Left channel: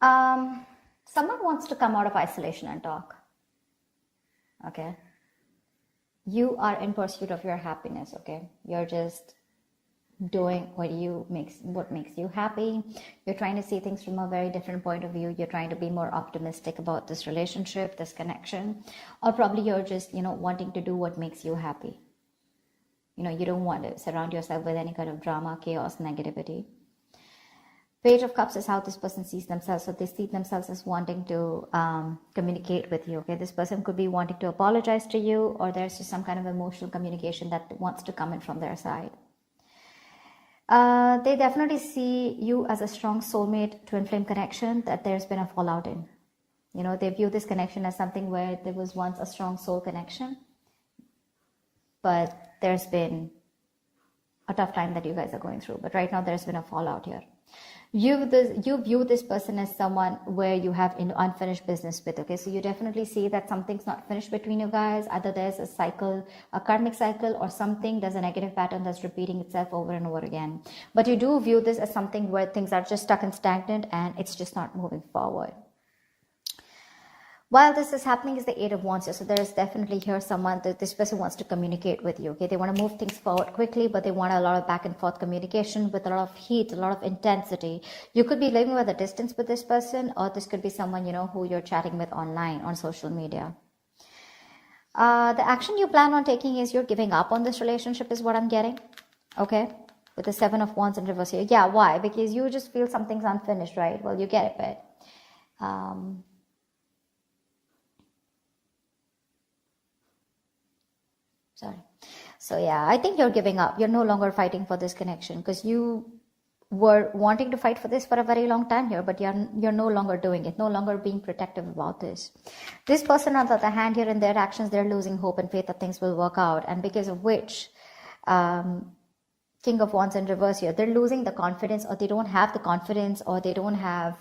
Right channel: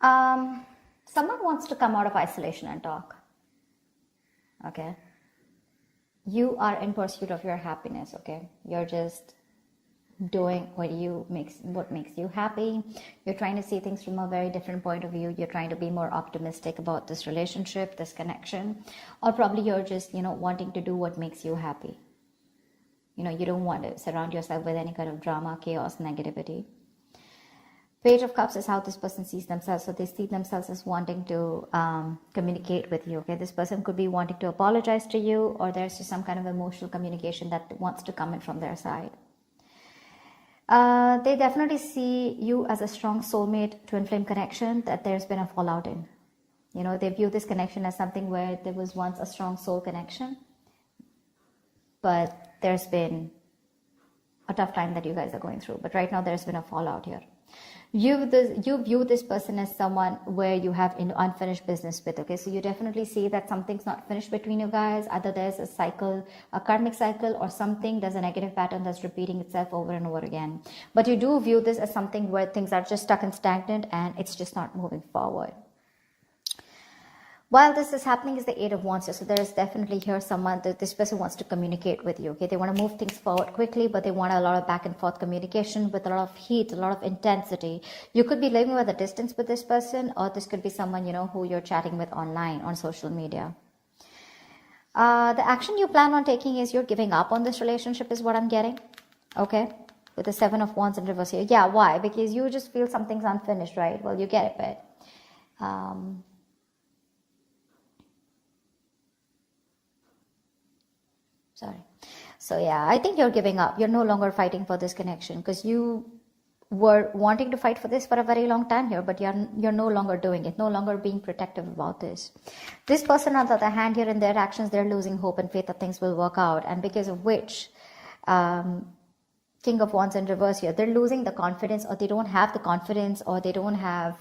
Someone wants to come out of isolation and talk. Okay. You are in pursuit of your happiness. Okay. You're just doing what makes you happy. You're trying to see things from a very different point of view. You're trying to be more optimistic about this relationship, this connection, or probably you're just wanting to do what makes you happy. You don't want to surround yourself with any kind of drama, chaos, negativity. Page of Cups is how this person sees themselves. So they see themselves as wanting to communicate with you. Okay, this person could be wanting to apologize to you, or there's some kind of emotional communication that wants to come in from their side. They definitely see you as a strong soulmate, twin flame connection that there's been a fallout in. They view this connection as something where there was once a strong soul connection, but there's been a tough time that you guys are going through. But right now there's been a fallout here. You view this person as someone where you have unfinished business with. Okay, so you definitely see that something's not finished between you guys. Either there's a cycle, a karmic cycle, or there's a negative pattern that's repeating itself over and over again. But you do view this as something where things are just stuck and stagnant and it's just not moving forward. While this is happening is the Eight of Wands. So there is definitely here someone that this person wants to communicate with you. Okay, they want to move things forward quickly, but they want a lot of back and forth communication with a lot of heat, a lot of intensity. You could be living at a distance with this person, or this could be someone who you're chatting with online on social media. The action you plan on taking is you're giving up on this relationship, is what I'm getting. Okay, with the Seven of Wands in reverse here. Yeah, why? Because you just feel something's unfinished, right? Well, you get it, but so yeah, I think you're giving up. You're no longer fighting for this connection, because you were wanting to fight for this for a very long time here, but you're no longer doing it, no longer being protective about this. This person, on the other hand, here in their actions, they're losing hope and faith that things will work out, and because of which, King of Wands in reverse here, they're losing the confidence, or they don't have the confidence, or they don't have,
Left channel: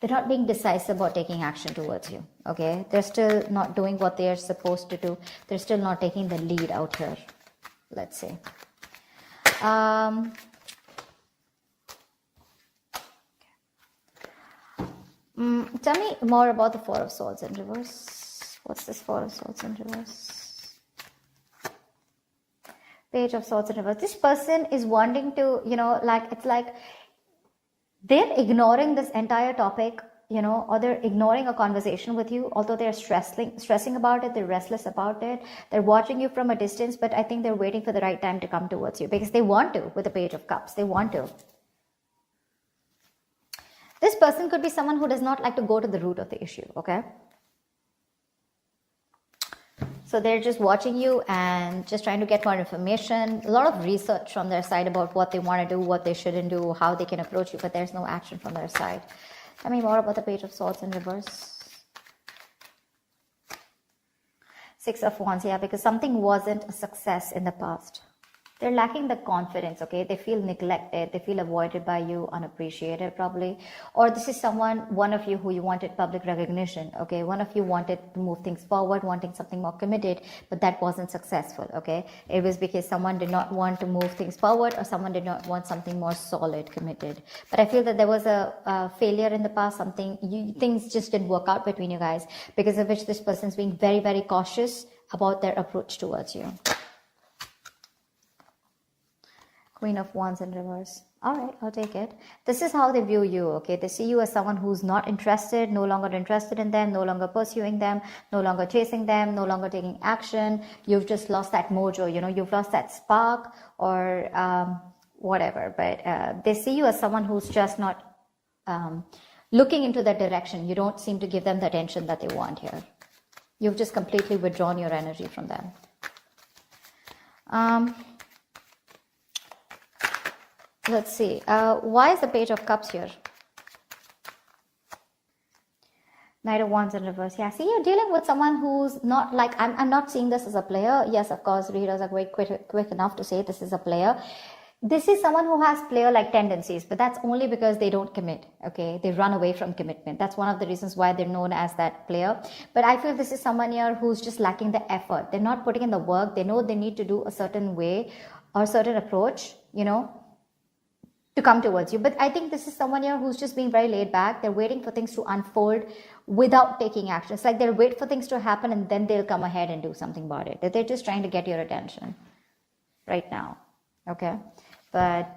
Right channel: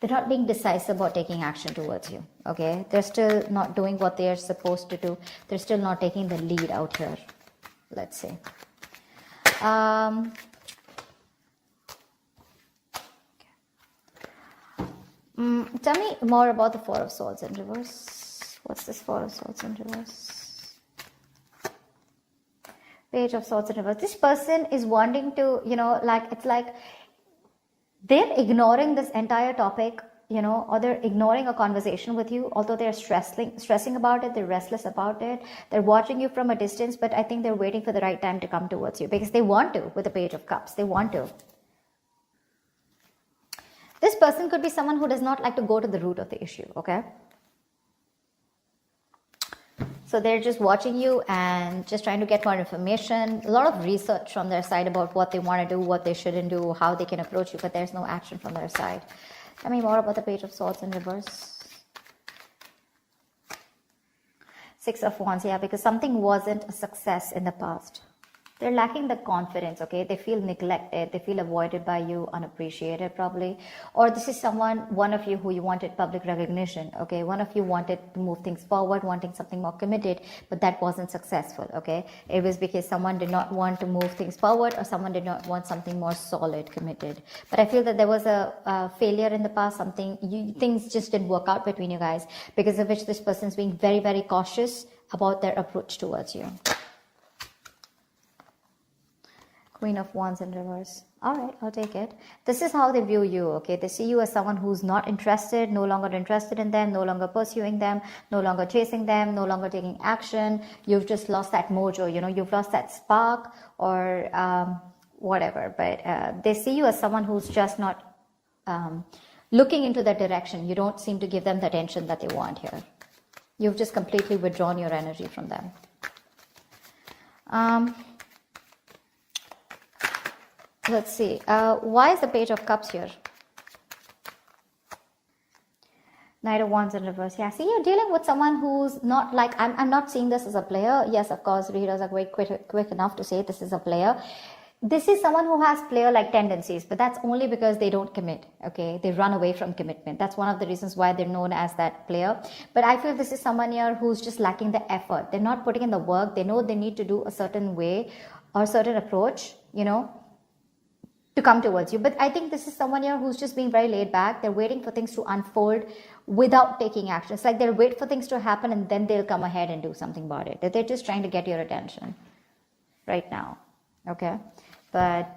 they're not being decisive about taking action towards you. Okay, they're still not doing what they're supposed to do. They're still not taking the lead out here. Let's see. Tell me more about the Four of Swords in reverse. What's this Four of Swords in reverse? Page of Swords in reverse. This person is wanting to, it's like they're ignoring this entire topic, or they're ignoring a conversation with you, although they're stressing about it, they're restless about it, they're watching you from a distance, but I think they're waiting for the right time to come towards you, because they want to, with the Page of Cups, they want to. This person could be someone who does not like to go to the root of the issue, okay? So they're just watching you and just trying to get more information, a lot of research from their side about what they want to do, what they shouldn't do, how they can approach you, but there's no action from their side. Tell me more about the Page of Swords in reverse. Six of Wands, yeah, because something wasn't a success in the past. They're lacking the confidence, okay? They feel neglected, they feel avoided by you, unappreciated probably. Or this is one of you who you wanted public recognition, okay? One of you wanted to move things forward, wanting something more committed, but that wasn't successful, okay? It was because someone did not want to move things forward, or someone did not want something more solid, committed. But I feel that there was a failure in the past, things just didn't work out between you guys, because of which this person's being very, very cautious about their approach towards you. Queen of Wands in reverse. All right, I'll take it. This is how they view you, okay? They see you as someone who's not interested, no longer interested in them, no longer pursuing them, no longer chasing them, no longer taking action. You've just lost that mojo, you've lost that spark, or whatever. But they see you as someone who's just not looking into that direction. You don't seem to give them the attention that they want here. You've just completely withdrawn your energy from them. Let's see. Why is the Page of Cups here? Knight of Wands in reverse. Yeah, see, you're dealing with someone who's not like, I'm not seeing this as a player. Yes, of course, readers are quick enough to say this is a player. This is someone who has player-like tendencies, but that's only because they don't commit, okay? They run away from commitment. That's one of the reasons why they're known as that player. But I feel this is someone here who's just lacking the effort. They're not putting in the work. They know they need to do a certain way or a certain approach, to come towards you. But I think this is someone here who's just being very laid back. They're waiting for things to unfold without taking action. It's like they'll wait for things to happen and then they'll come ahead and do something about it. They're just trying to get your attention right now. Okay. But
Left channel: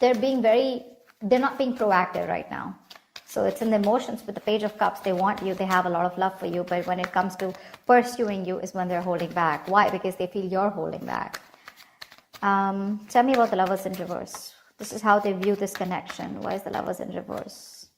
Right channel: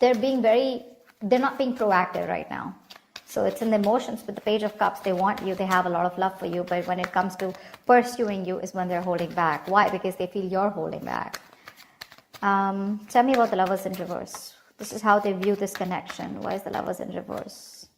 they're not being proactive right now. So it's in the emotions. With the Page of Cups, they want you, they have a lot of love for you, but when it comes to pursuing you is when they're holding back. Why? Because they feel you're holding back. Tell me about the Lovers in reverse. This is how they view this connection. Why is the Lovers in reverse?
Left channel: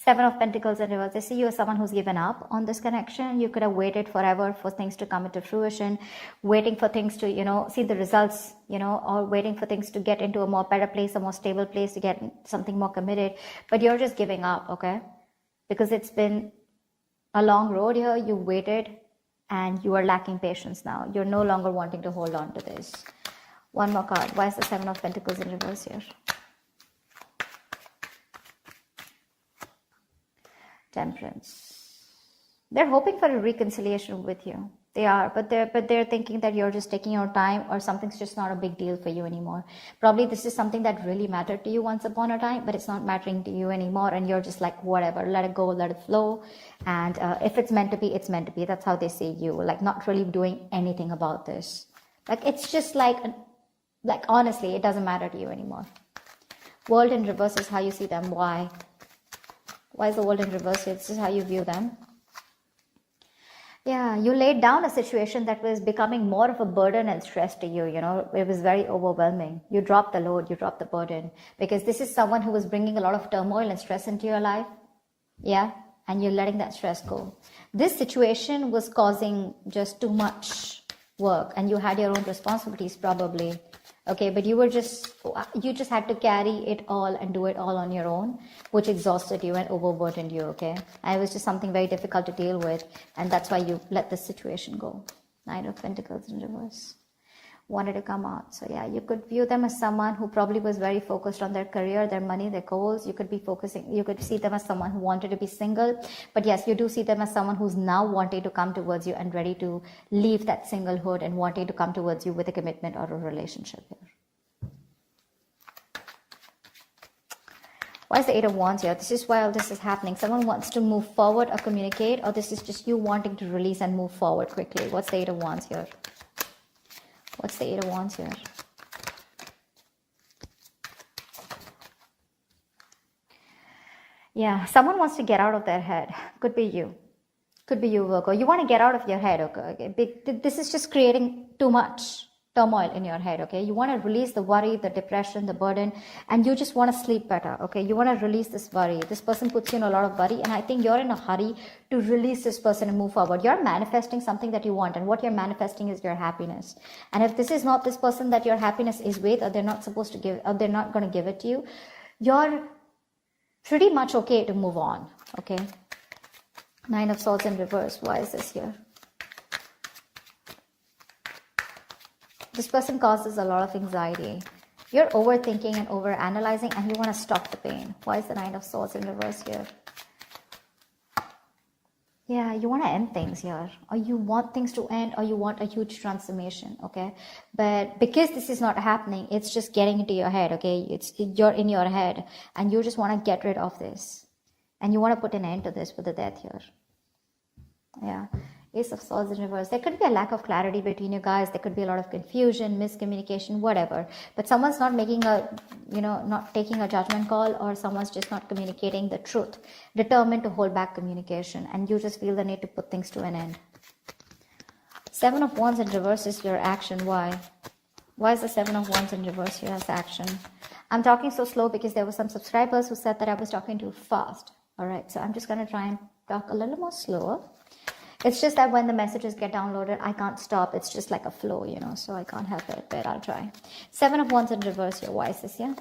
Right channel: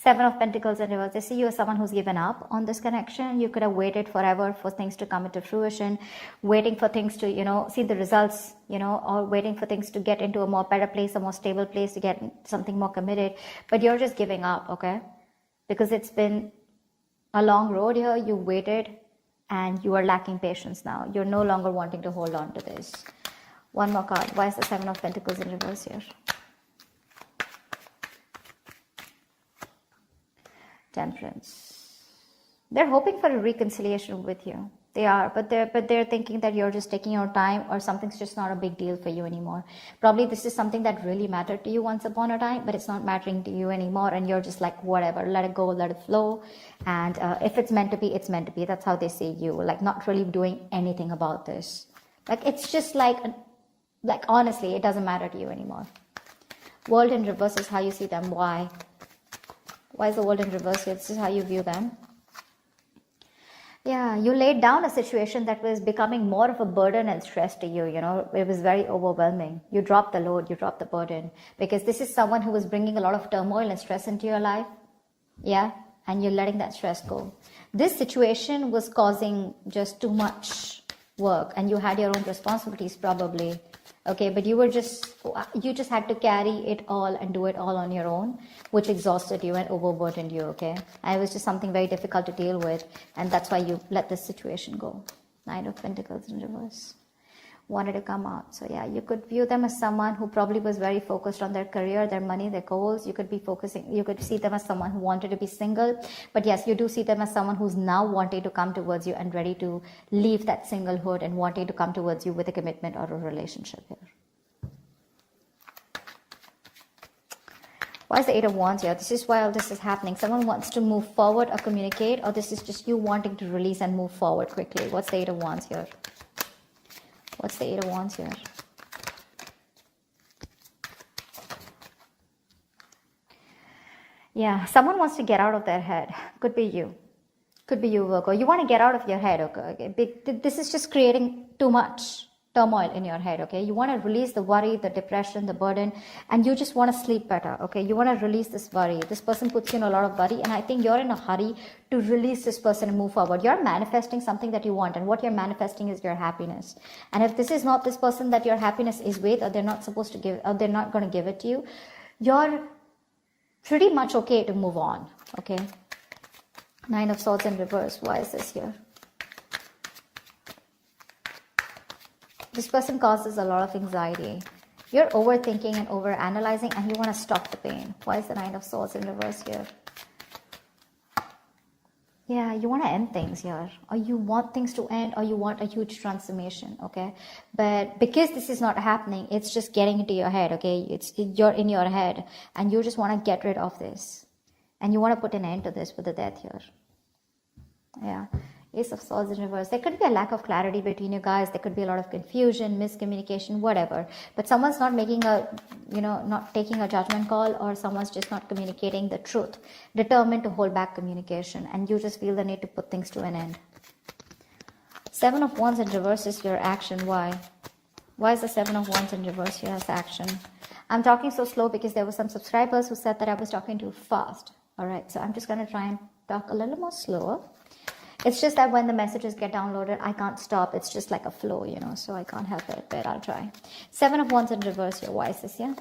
Seven of Pentacles in reverse. They see you as someone who's given up on this connection. You could have waited forever for things to come into fruition, waiting for things to, see the results, or waiting for things to get into a more better place, a more stable place, to get something more committed. But you're just giving up, okay? Because it's been a long road here. You waited and you are lacking patience now. You're no longer wanting to hold on to this. One more card. Why is the Seven of Pentacles in reverse here? Temperance. They're hoping for a reconciliation with you. They are, but they're thinking that you're just taking your time, or something's just not a big deal for you anymore. Probably this is something that really mattered to you once upon a time, but it's not mattering to you anymore, and you're just like, whatever, let it go, let it flow. And if it's meant to be, it's meant to be. That's how they see you, like not really doing anything about this. Like it's just like honestly, it doesn't matter to you anymore. World in reverse is how you see them. Why? Why is the world in reverse? This is how you view them. Yeah, you laid down a situation that was becoming more of a burden and stress to you, It was very overwhelming. You dropped the load, you dropped the burden. Because this is someone who was bringing a lot of turmoil and stress into your life. Yeah, and you're letting that stress go. This situation was causing just too much work, and you had your own responsibilities probably. Okay, but you just had to carry it all and do it all on your own, which exhausted you and overburdened you, okay? And it was just something very difficult to deal with, and that's why you let the situation go. Knight of Pentacles in reverse. Wanted to come out. So yeah, you could view them as someone who probably was very focused on their career, their money, their goals. You could see them as someone who wanted to be single. But yes, you do see them as someone who's now wanting to come towards you and ready to leave that singlehood and wanting to come towards you with a commitment or a relationship here. Why is the Eight of Wands here? This is why all this is happening. Someone wants to move forward or communicate, or this is just you wanting to release and move forward quickly. What's the Eight of Wands here? What's the Eight of Wands here? Yeah, someone wants to get out of their head. Could be you. Could be you, Virgo. You want to get out of your head, okay? This is just creating too much turmoil in your head, okay? You want to release the worry, the depression, the burden, and you just want to sleep better, okay? You want to release this worry. This person puts you in a lot of worry, and I think you're in a hurry to release this person and move forward. You're manifesting something that you want, and what you're manifesting is your happiness. And if this is not this person that your happiness is with, or they're not supposed to give, or they're not going to give it to you, you're pretty much okay to move on, okay? Nine of Swords in reverse. Why is this here? This person causes a lot of anxiety. You're overthinking and overanalyzing, and you want to stop the pain. Why is the Nine of Swords in reverse here? Yeah, you want to end things here. Or you want things to end, or you want a huge transformation, okay? But because this is not happening, it's just getting into your head, okay? You're in your head, and you just want to get rid of this. And you want to put an end to this with the Death here. Yeah. Ace of Swords in reverse. There could be a lack of clarity between you guys. There could be a lot of confusion, miscommunication, whatever. But someone's not making not taking a judgment call, or someone's just not communicating the truth. Determined to hold back communication, and you just feel the need to put things to an end. Seven of Wands in reverse is your action. Why? Why is the Seven of Wands in reverse here as action? I'm talking so slow because there were some subscribers who said that I was talking too fast. Alright, so I'm just going to try and talk a little more slower. It's just that when the messages get downloaded, I can't stop. It's just like a flow, so I can't help it, but I'll try. Seven of Wands in reverse here. Why is this here?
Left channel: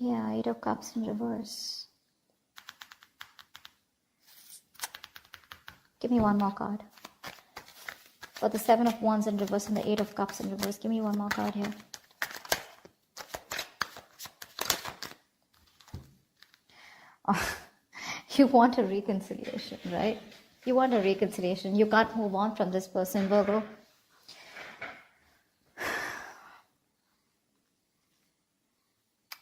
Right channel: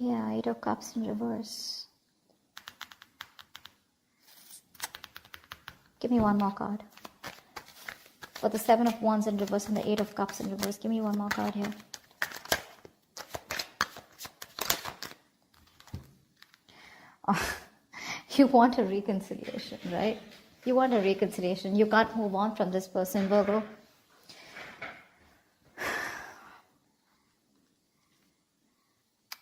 Yeah, Eight of Cups in reverse. Give me one more card. For the Seven of Wands in reverse and the Eight of Cups in reverse, give me one more card here. Oh. You want a reconciliation, right? You want a reconciliation. You can't move on from this person, Virgo.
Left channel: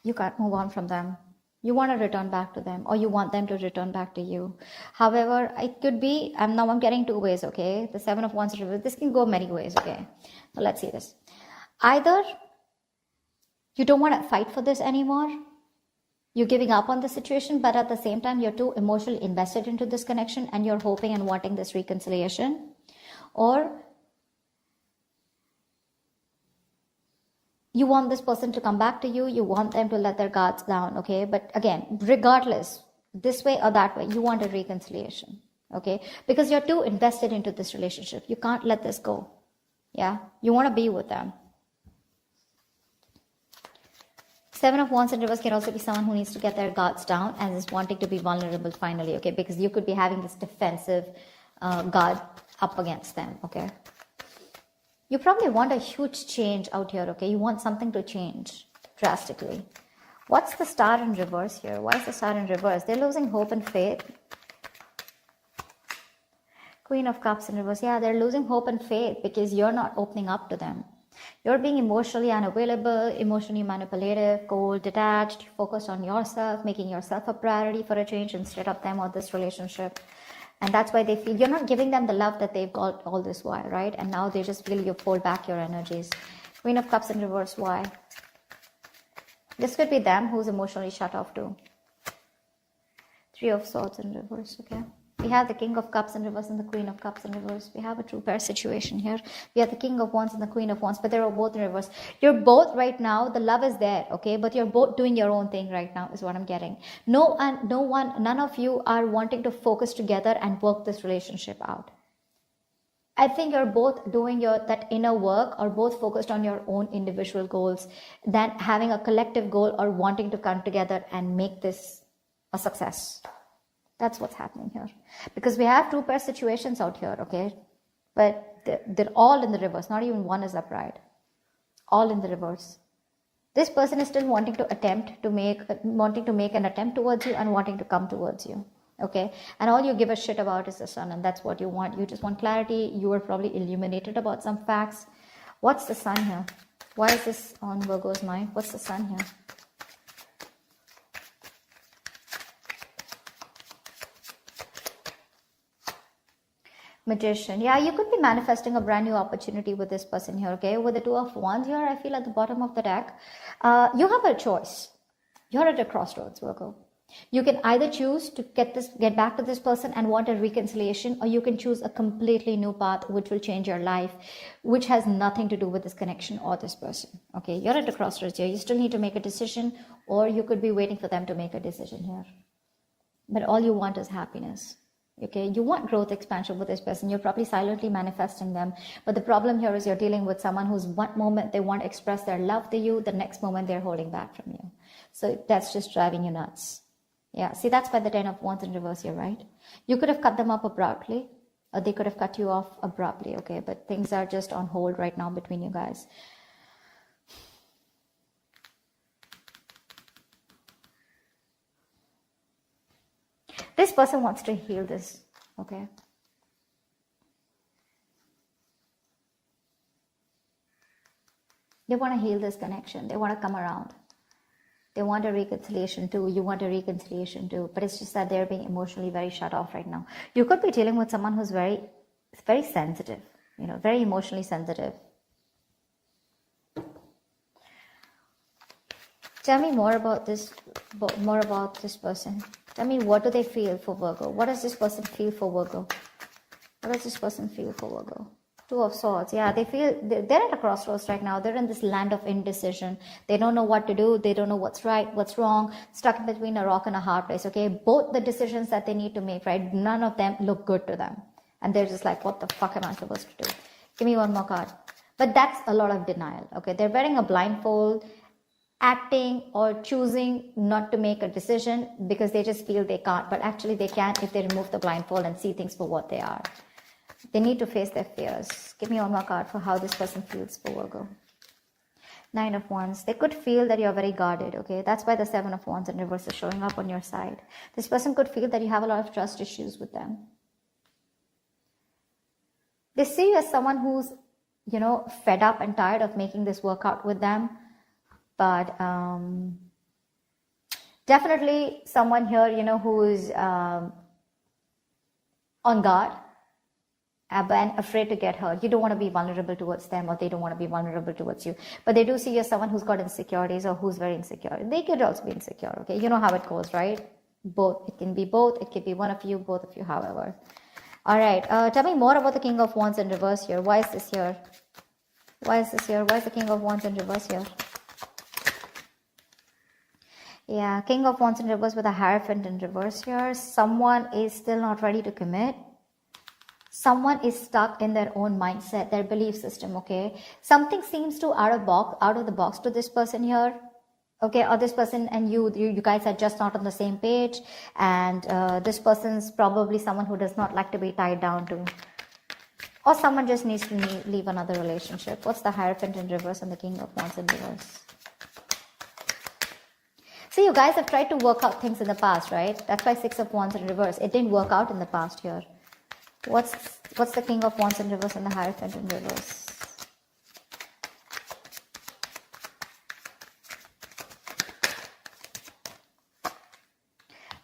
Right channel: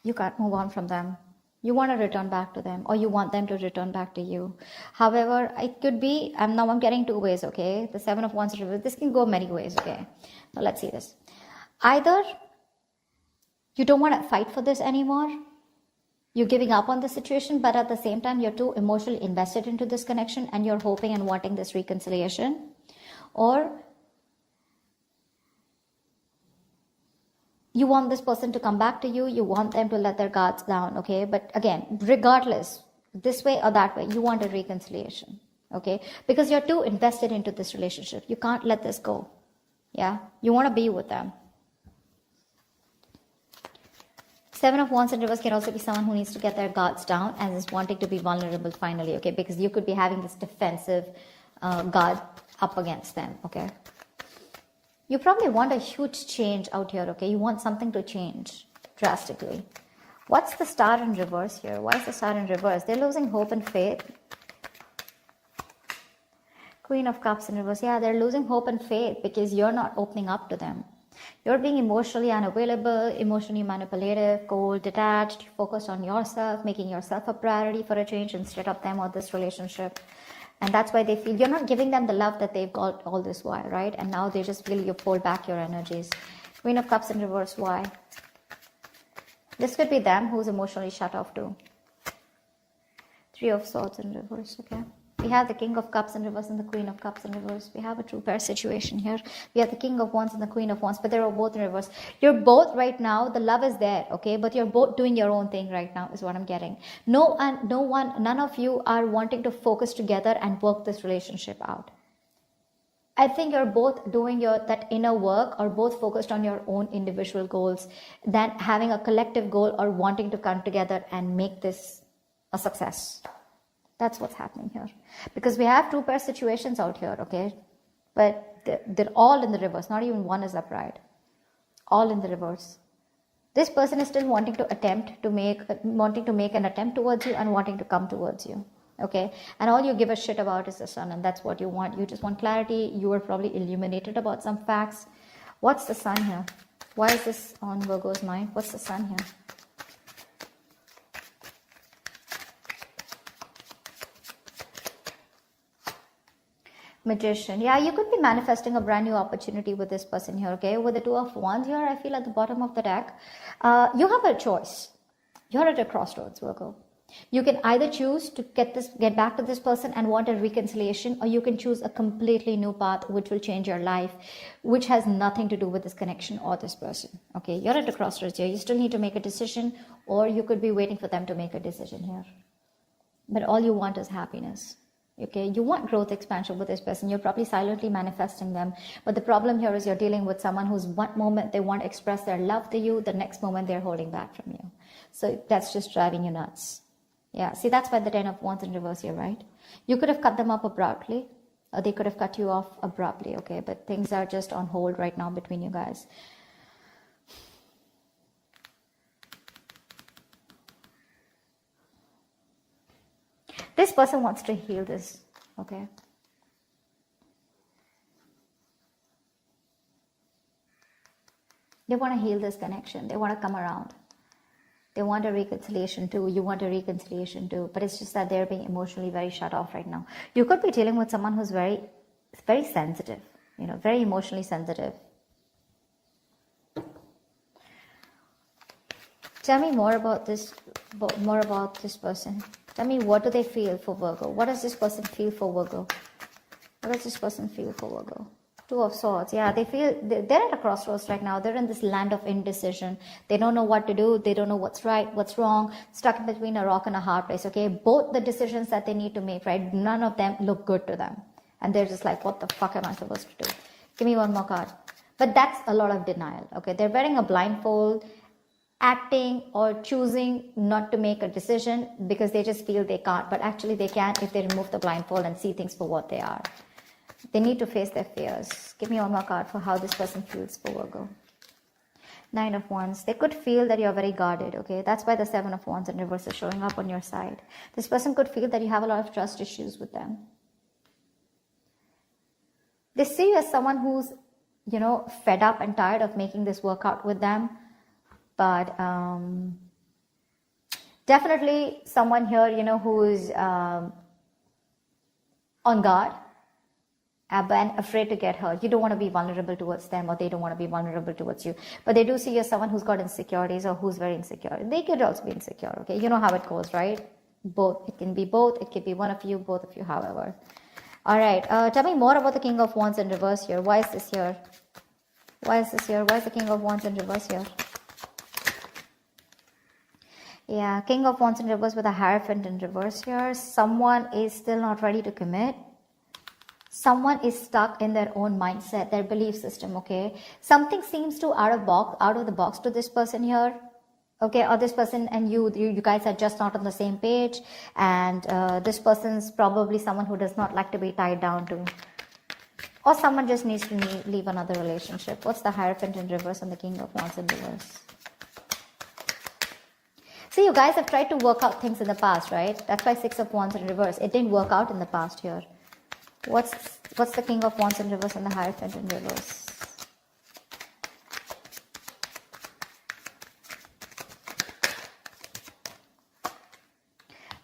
You can't move on from them. You want to return back to them, or you want them to return back to you. However, it could be, I'm getting two ways, okay? The Seven of Wands reverse. This can go many ways, okay? So let's see this. Either you don't want to fight for this anymore. You're giving up on the situation, but at the same time, you're too emotionally invested into this connection and you're hoping and wanting this reconciliation. Or you want this person to come back to you. You want them to let their guards down, okay? But again, regardless, this way or that way, you want a reconciliation, okay? Because you're too invested into this relationship. You can't let this go, yeah? You want to be with them. Seven of Wands in reverse can also be someone who needs to get their guards down and is wanting to be vulnerable finally, okay? Because you could be having this defensive guard up against them, okay? You probably want a huge change out here, okay? You want something to change drastically. What's the Star in reverse here? Why is the Star in reverse? They're losing hope and faith. Queen of Cups in reverse. Yeah, they're losing hope and faith because you're not opening up to them. You're being emotionally unavailable, emotionally manipulative, cold, detached, focused on yourself, making yourself a priority for a change instead of them or this relationship. And that's why they feel you're not giving them the love that they've got all this while, right? And now they just feel you pull back your energies. Queen of Cups in reverse, why? This could be them who's emotionally shut off too. Three of Swords in reverse, okay? We have the King of Cups in reverse and the Queen of Cups in reverse. We have a true pair situation here. We have the King of Wands and the Queen of Wands, but they're both in reverse. You're both right now, the love is there, okay? But you're both doing your own thing right now is what I'm getting. None of you are wanting to focus together and work this relationship out. I think you're both doing that inner work or both focused on your own individual goals than having a collective goal or wanting to come together and make this a success. That's what's happening here. Because we have two pair situations out here, okay? But they're all in the reverse. Not even one is upright. All in the reverse. This person is still wanting to make an attempt towards you and wanting to come towards you. Okay? And all you give a shit about is the Sun, and that's what you want. You just want clarity. You are probably illuminated about some facts. What's the Sun here? Why is this on Virgo's mind? What's the Sun here? Magician. Yeah, you could be manifesting a brand new opportunity with this person here, okay? With the Two of Wands here, I feel at the bottom of the deck, you have a choice. You're at a crossroads, Virgo. You can either choose to get back to this person and want a reconciliation, or you can choose a completely new path which will change your life, which has nothing to do with this connection or this person, okay? You're at a crossroads here. You still need to make a decision, or you could be waiting for them to make a decision here. But all you want is happiness. Okay, you want growth, expansion with this person. You're probably silently manifesting them. But the problem here is you're dealing with someone who's one moment they want to express their love to you, the next moment they're holding back from you. So that's just driving you nuts. Yeah, see, that's why the Ten of Wands in reverse here, right? You could have cut them off abruptly, or they could have cut you off abruptly, okay? But things are just on hold right now between you guys. This person wants to heal this, okay? They want to heal this connection. They want to come around. They want a reconciliation too. You want a reconciliation too. But it's just that they're being emotionally very shut off right now. You could be dealing with someone who's very sensitive, very emotionally sensitive. Tell me more about this person. Tell me, what do they feel for Virgo? What does this person feel for Virgo? What does this person feel for Virgo? Two of Swords. Yeah, they're at a crossroads right now. They're in this land of indecision. They don't know what to do. They don't know what's right, what's wrong. Stuck in between a rock and a hard place, okay? Both the decisions that they need to make, right? None of them look good to them. And they're just like, what the fuck am I supposed to do? Give me one more card. But that's a lot of denial, okay? They're wearing a blindfold, acting or choosing not to make a decision because they just feel they can't, but actually they can if they remove the blindfold and see things for what they are. They need to face their fears. Give me one more card for how this person feels for Virgo. Nine of Wands. They could feel that you're very guarded, okay? That's why the Seven of Wands in reverse is showing up on your side. This person could feel that you have a lot of trust issues with them. They see you as someone who's, fed up and tired of making this work out with them. But Definitely someone here, who's on guard, but afraid to get hurt. You don't want to be vulnerable towards them, or they don't want to be vulnerable towards you. But they do see you're someone who's got insecurities or who's very insecure. They could also be insecure, okay? You know how it goes, right? Both. It can be both. It could be one of you, both of you, however. All right. Tell me more about the King of Wands in reverse here. Why is this here? Why is this here? Why is the King of Wands in reverse here? Yeah, King of Wands in reverse with a Hierophant in reverse here. Someone is still not ready to commit. Someone is stuck in their own mindset, their belief system, okay? Something seems to out of the box to this person here, okay? Or this person and you guys are just not on the same page, and this person's probably someone who does not like to be tied down to, or someone just needs to leave another relationship. What's the Hierophant in reverse and the King of Wands in reverse? So you guys have tried to work out things in the past, right? That's why Six of Wands in reverse. It didn't work out in the past here. What's the King of Wands in reverse and the Hierophant in reverse?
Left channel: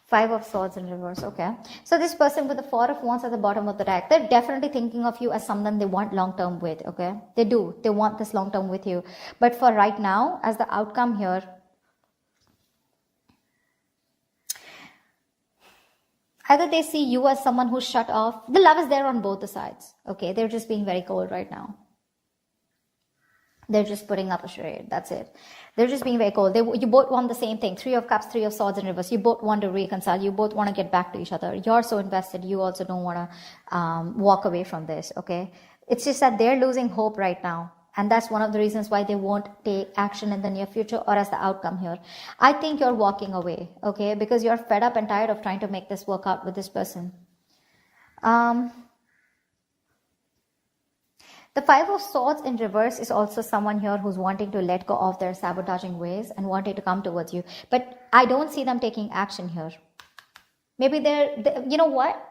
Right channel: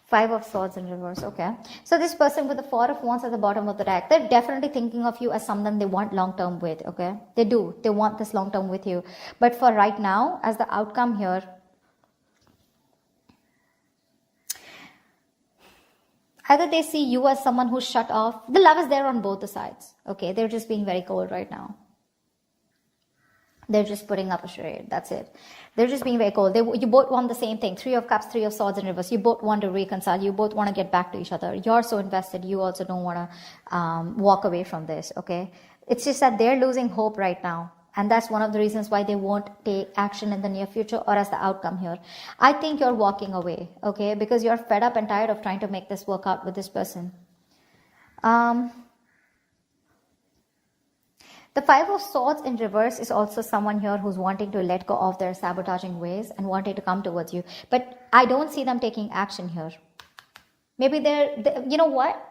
Five of Swords in reverse, okay. So this person with the Four of Wands at the bottom of the deck, they're definitely thinking of you as someone they want long-term with, okay. They do. They want this long-term with you. But for right now, as the outcome here, either they see you as someone who's shut off. The love is there on both the sides. Okay, they're just being very cold right now. They're just putting up a charade. That's it. They're just being very cold. You both want the same thing. Three of Cups, Three of Swords in reverse. You both want to reconcile. You both want to get back to each other. You're so invested. You also don't want to walk away from this. Okay, it's just that they're losing hope right now. And that's one of the reasons why they won't take action in the near future or as the outcome here. I think you're walking away, okay? Because you're fed up and tired of trying to make this work out with this person. The Five of Swords in reverse is also someone here who's wanting to let go of their sabotaging ways and wanting to come towards you. But I don't see them taking action here. Maybe you know what?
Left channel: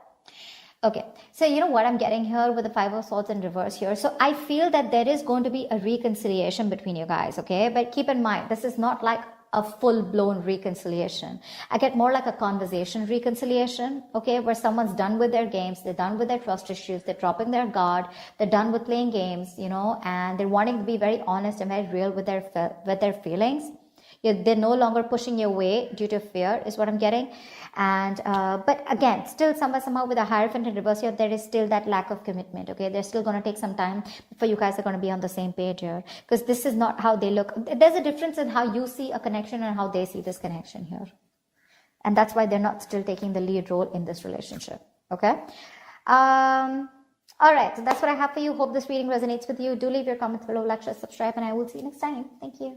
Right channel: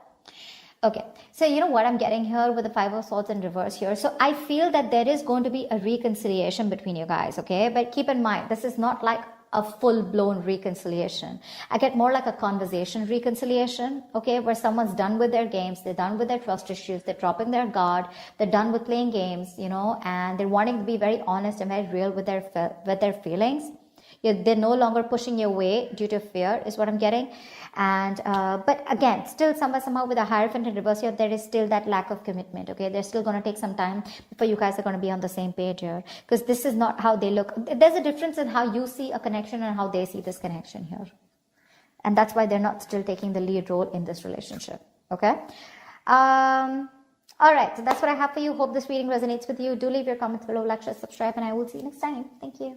Okay, so you know what I'm getting here with the Five of Swords in reverse here. So I feel that there is going to be a reconciliation between you guys, okay? But keep in mind, this is not like a full-blown reconciliation. I get more like a conversation reconciliation, okay? Where someone's done with their games, they're done with their trust issues, they're dropping their guard, they're done with playing games, and they're wanting to be very honest and very real with their feelings. They're no longer pushing you away due to fear, is what I'm getting. And but again, still somehow with a Hierophant in reverse here, there is still that lack of commitment. Okay, they're still going to take some time before you guys are going to be on the same page here, because this is not how they look. There's a difference in how you see a connection and how they see this connection here, and that's why they're not still taking the lead role in this relationship. Okay. All right, so that's what I have for you. Hope this reading resonates with you. Do leave your comments below, like, share, subscribe, and I will see you next time. Thank you.